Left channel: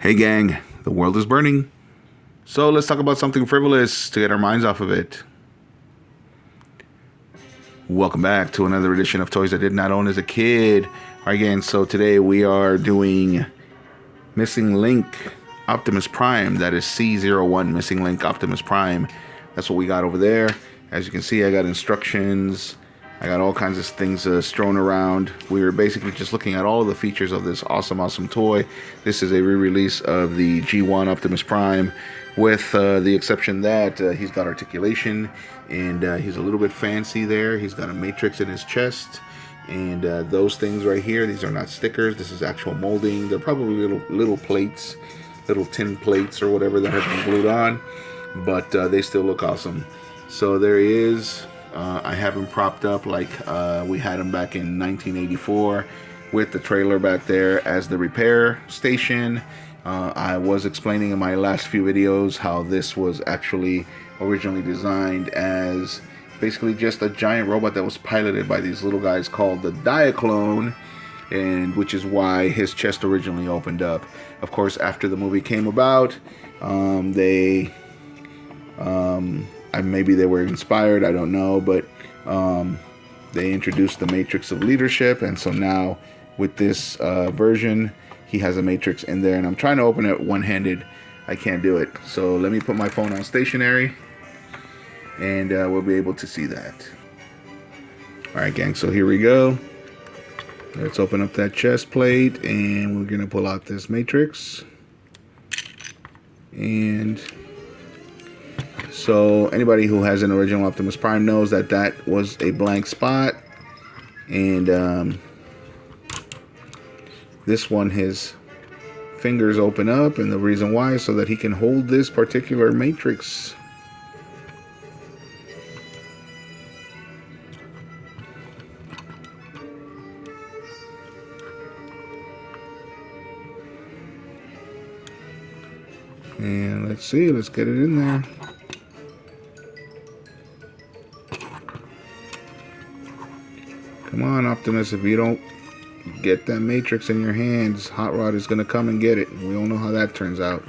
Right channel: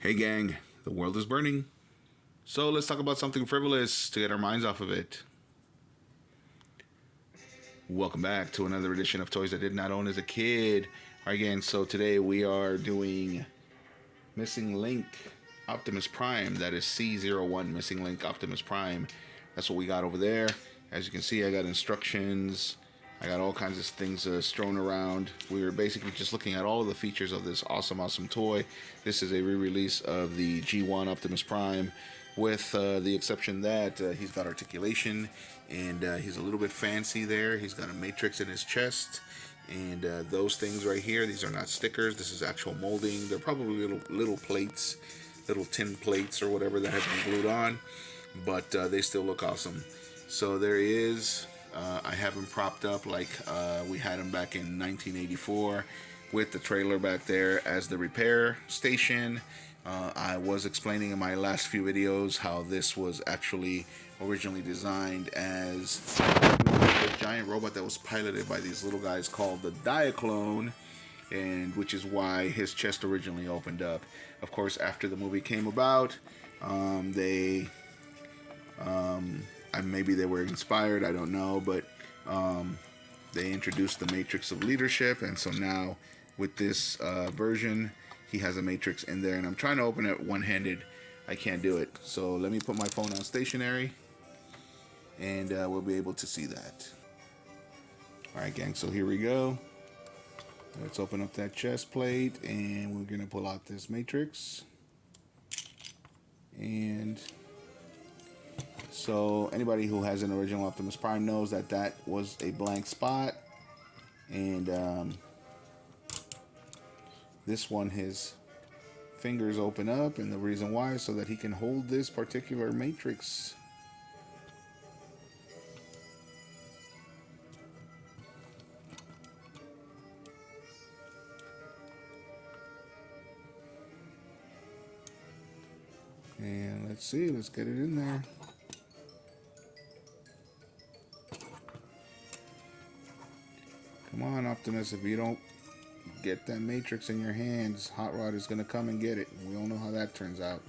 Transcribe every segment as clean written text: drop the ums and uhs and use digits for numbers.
Hey gang, the world is burning. So let's talk about something frivolous to get our minds off of it. Welcome back to another edition of Toys I Did Not Own as a Kid. Alright gang, so today we are doing Missing Link Optimus Prime. That is C-01 Missing Link Optimus Prime. That's what we got over there. As you can see, I got instructions. I got all kinds of things strewn around. We were basically just looking at all of the features of this awesome toy. This is a re-release of the G1 Optimus Prime, with the exception that he's got articulation, and he's a little bit fancy there. He's got a matrix in his chest, and those things right here, these are not stickers. This is actual molding. They're probably little plates, little tin plates or whatever that have been glued on, but they still look awesome. So there he is. I have him propped up like we had him back in 1984, with the trailer back there as the repair station. I was explaining in my last few videos how this was actually originally designed as basically just a giant robot that was piloted by these little guys called the Diaclone, and which is why his chest originally opened up. Of course, after the movie came about, maybe they were inspired, I don't know, but they introduced the matrix of leadership, and so now with this version, he has a matrix in there, and I'm trying to open it one-handed. I can't do it, so let me put my phone on stationary, and we'll be able to see that. Alright gang, so here we go. Let's open up that chest plate, and we're gonna pull out this matrix. And so anybody who has an original Optimus Prime knows that that was a blank spot, and this one, his fingers open up, and the reason why is so that he can hold this particular matrix. And let's see, let's get it in there. Come on, Optimus, if you don't get that matrix in your hands, Hot Rod is going to come and get it. We all know how that turns out.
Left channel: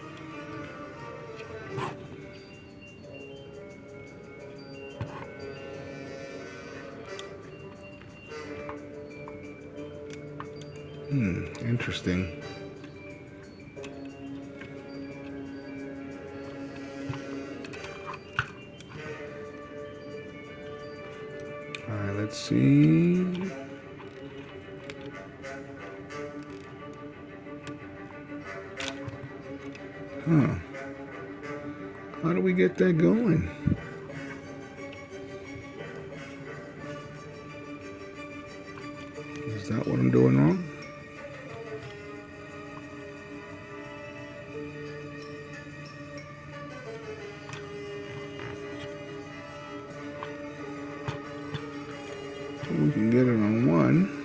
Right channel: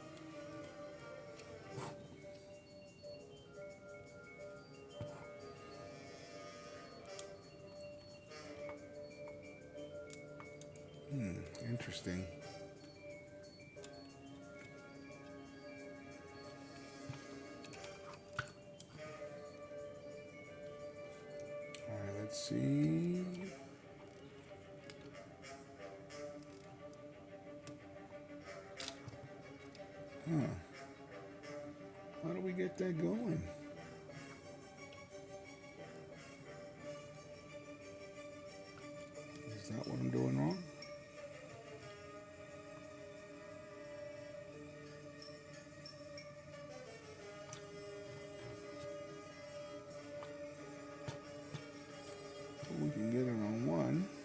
Interesting. Alright, let's see. How do we get that going? Is that what I'm doing wrong? We can get it on one.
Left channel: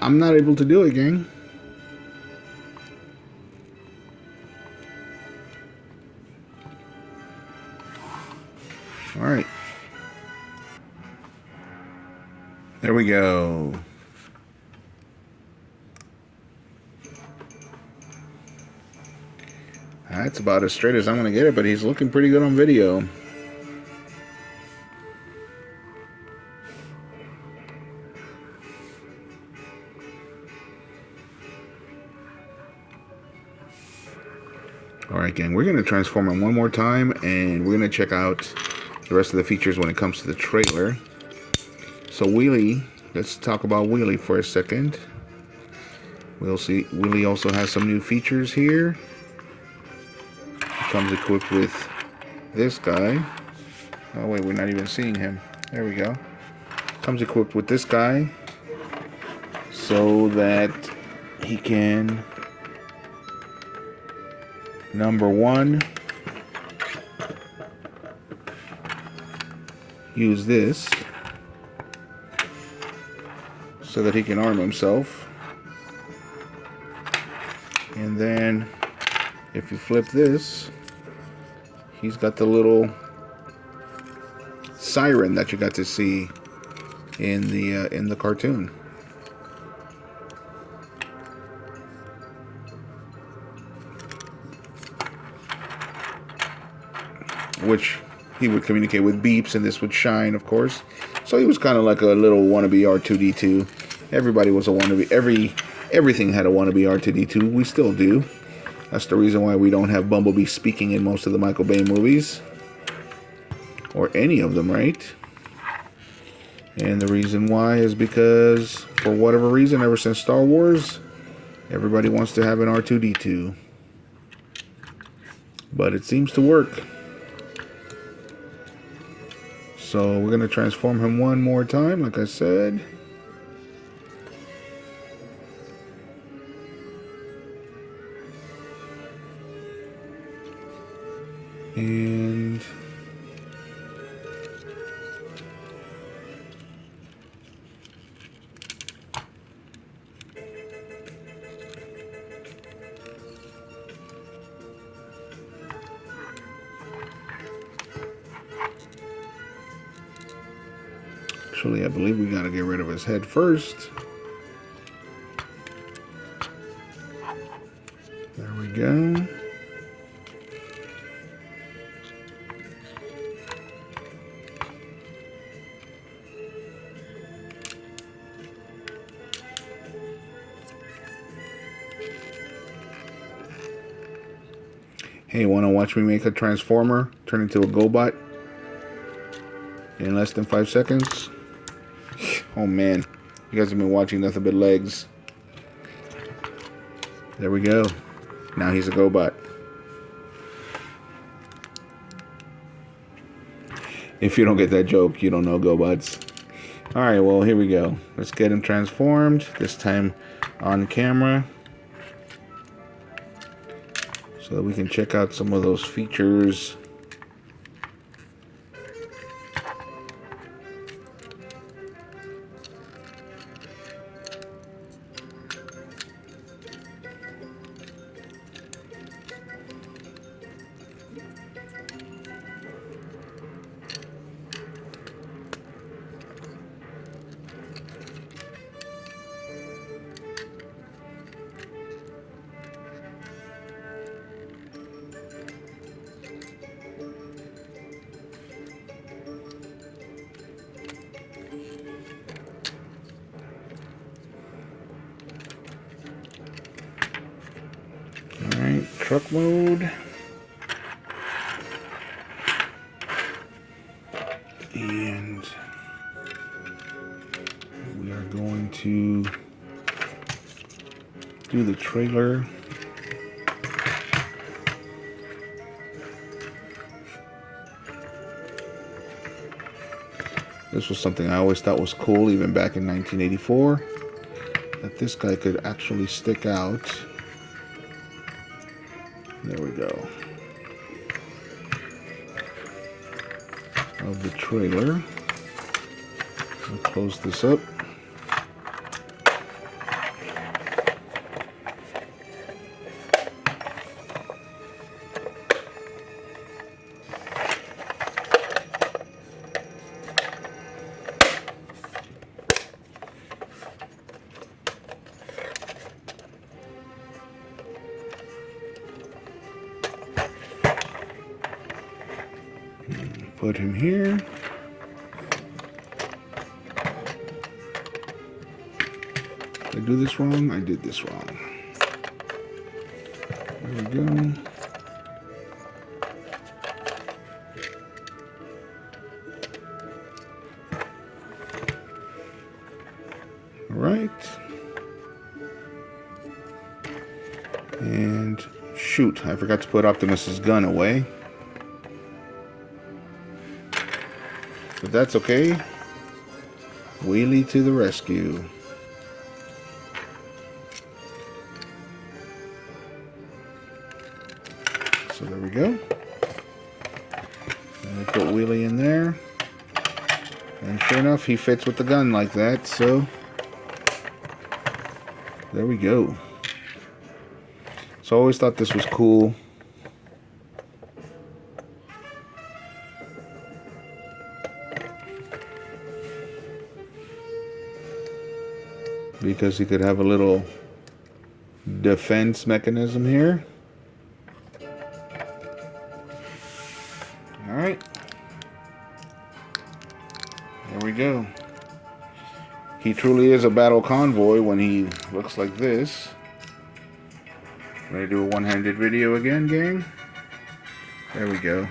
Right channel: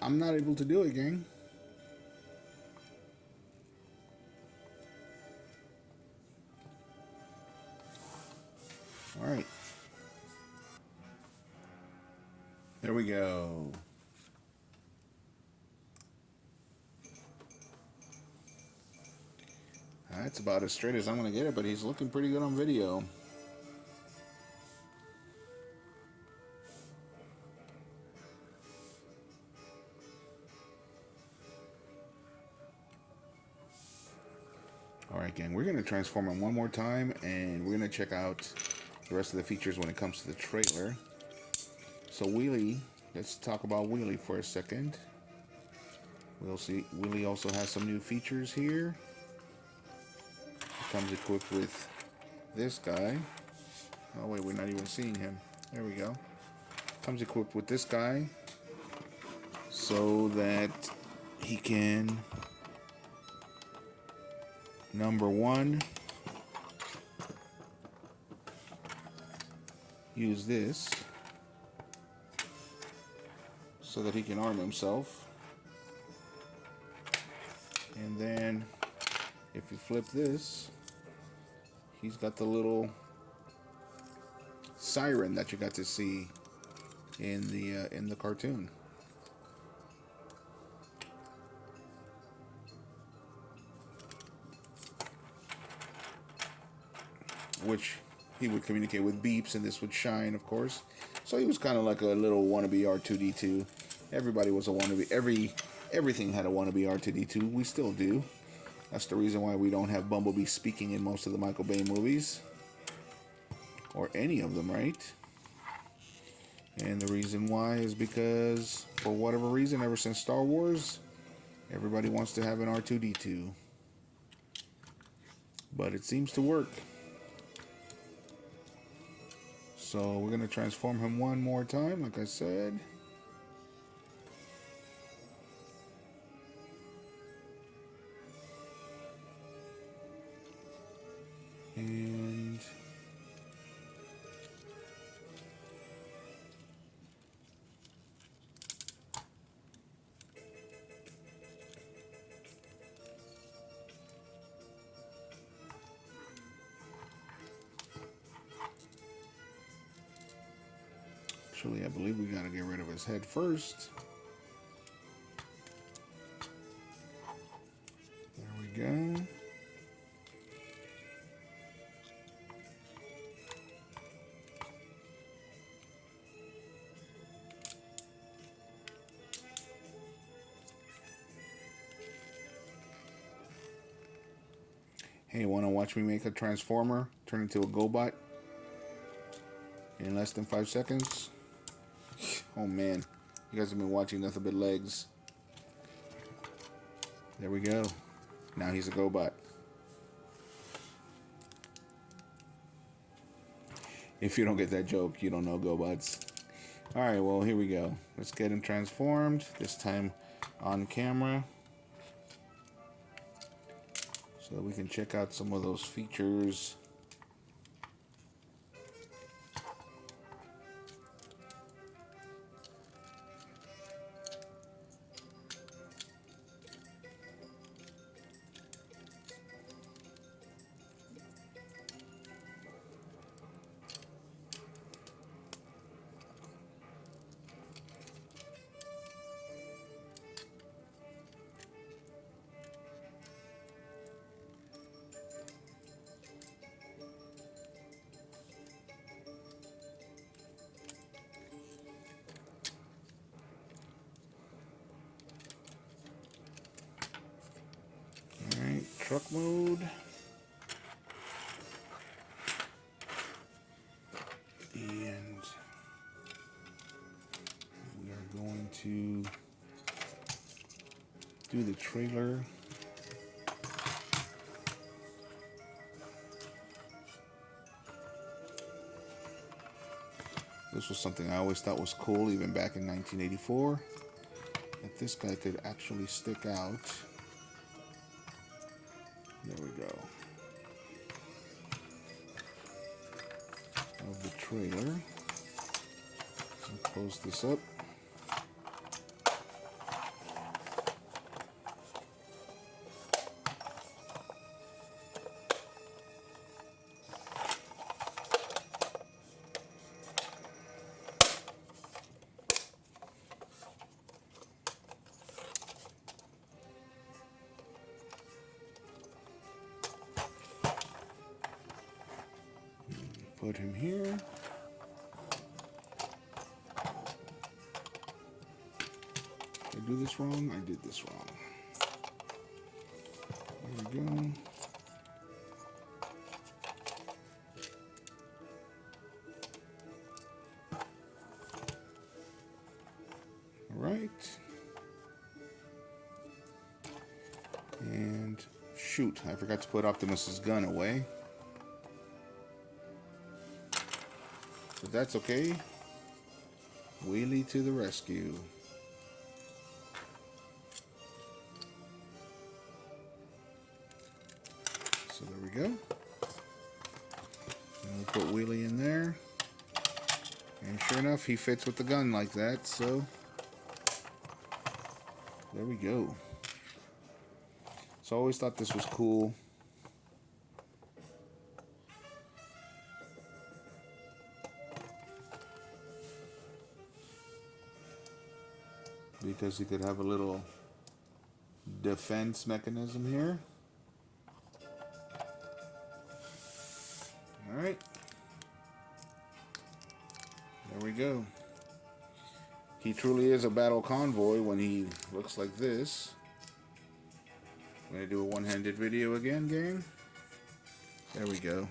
I'm not able to do it, gang. All right. There we go. That's about as straight as I'm gonna get it, but he's looking pretty good on video. Alright gang, we're going to transform him one more time, and we're going to check out the rest of the features when it comes to the trailer. So Wheelie, let's talk about Wheelie for a second. We'll see, Wheelie also has some new features here. He comes equipped with this guy. Oh wait, we're not even seeing him. There we go. Comes equipped with this guy, so that he can Number 1. Use this so that he can arm himself. And then if you flip this, he's got the little siren that you got to see in the cartoon. Which he would communicate with beeps, and this would shine, of course. So he was kind of like a little wannabe R2-D2. Everybody was a wannabe. Everything had a wannabe R2-D2. We still do. That's the reason why we don't have Bumblebee speaking in most of the Michael Bay movies. Or any of them, right? And the reason why is because, for whatever reason, ever since Star Wars, everybody wants to have an R2-D2. But it seems to work. So we're going to transform him one more time, like I said. And actually, I believe we got to get rid of his head first. There we go. Hey, want to watch me make a transformer turn into a GoBot in less than 5 seconds? Oh man, you guys have been watching nothing but legs. There we go. Now he's a GoBot. If you don't get that joke, you don't know GoBots. Alright, well, here we go. Let's get him transformed, this time on camera, so that we can check out some of those features. Alright, truck mode. And we are going to do the trailer. This was something I always thought was cool, even back in 1984, that this guy could actually stick out. There we go. Of the trailer. We'll close this up. Put him here. Did I do this wrong? I did this wrong. There we go. All right. And shoot, I forgot to put Optimus's gun away. But that's okay. Wheelie to the rescue. So there we go. And I put Wheelie in there. And sure enough, he fits with the gun like that, so there we go. So I always thought this was cool. Because he could have a little defense mechanism here. Alright. There we go. He truly is a battle convoy when he looks like this. Ready to do a one-handed video again, gang? There we go.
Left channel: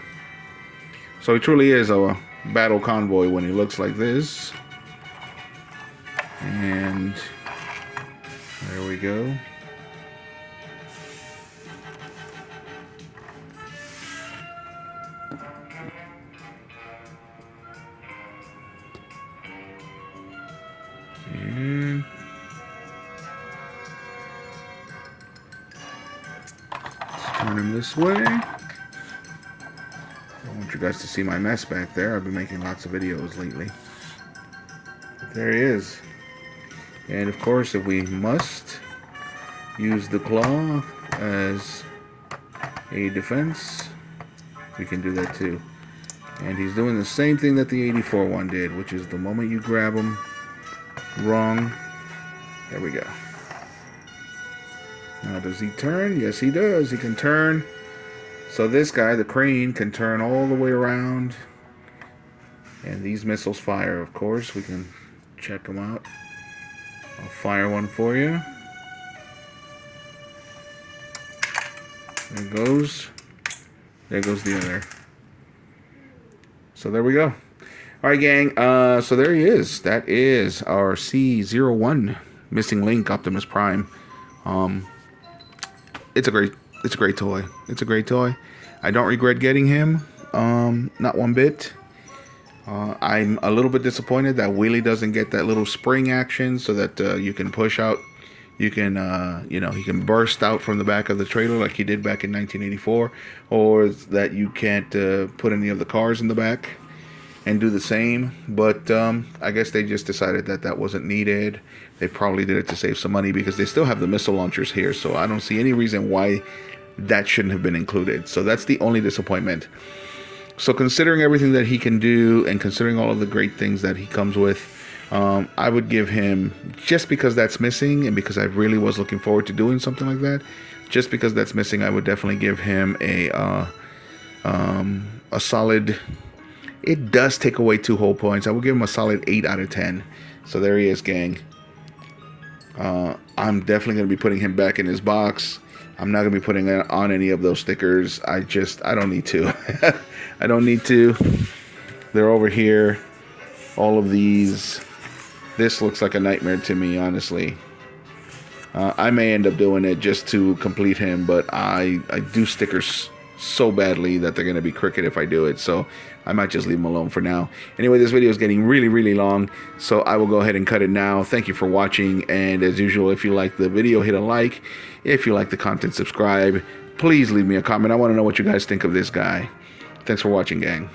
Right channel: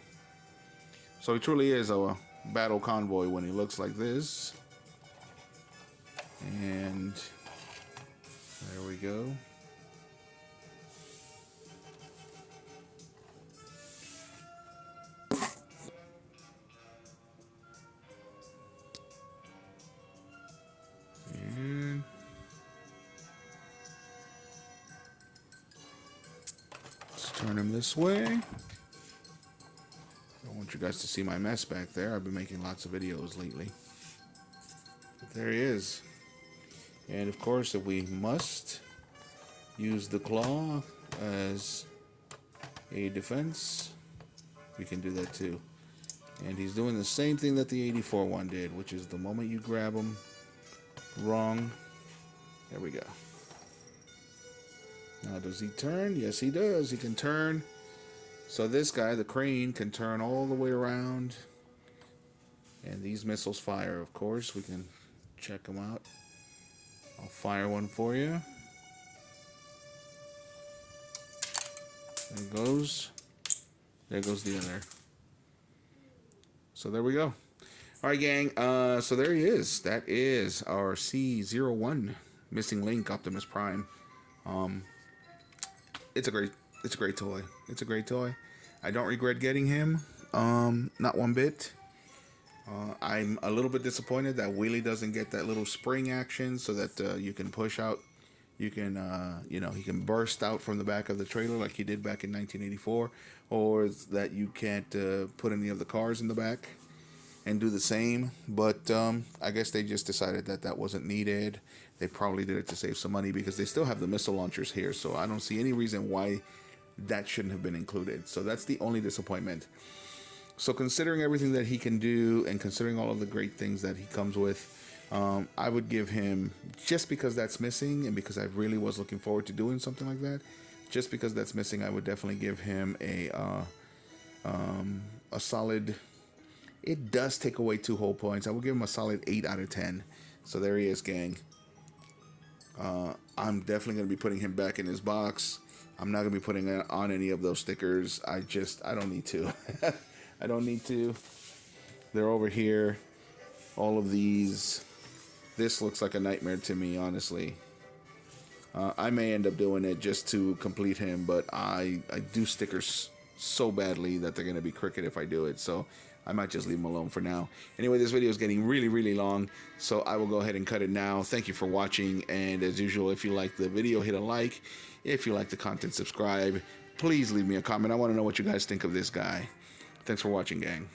So he truly is a battle convoy when he looks like this. And there we go. And let's turn him this way. I want you guys to see my mess back there. I've been making lots of videos lately. But there he is. And of course, if we must use the claw as a defense, we can do that too. And he's doing the same thing that the 84 one did, which is the moment you grab him wrong, there we go. Now does he turn? Yes, he does. He can turn. So this guy, the crane, can turn all the way around. And these missiles fire, of course. We can check them out. I'll fire one for you. There it goes. There goes the other. So there we go. Alright, gang. So there he is. That is our C-01 missing link Optimus Prime. It's a great toy. It's a great toy. I don't regret getting him. Not one bit. I'm a little bit disappointed that Wheelie doesn't get that little spring action so that you can push out. You can, you know, he can burst out from the back of the trailer like he did back in 1984, or that you can't put any of the cars in the back and do the same. But I guess they just decided that that wasn't needed. They probably did it to save some money because they still have the missile launchers here. So I don't see any reason why that shouldn't have been included. So that's the only disappointment. So considering everything that he can do and considering all of the great things that he comes with, I would give him, just because that's missing and because I really was looking forward to doing something like that, just because that's missing, I would definitely give him a solid, it does take away 2 whole points. I would give him a solid 8 out of 10. So there he is, gang. I'm definitely going to be putting him back in his box. I'm not going to be putting on any of those stickers. I don't need to. I don't need to. They're over here. All of these. This looks like a nightmare to me, honestly. I may end up doing it just to complete him, but I do stickers so badly that they're going to be crooked if I do it. So I might just leave them alone for now. Anyway, this video is getting really, really long, so I will go ahead and cut it now. Thank you for watching, and as usual, if you like the video, hit a like. If you like the content, subscribe. Please leave me a comment. I want to know what you guys think of this guy. Thanks for watching, gang.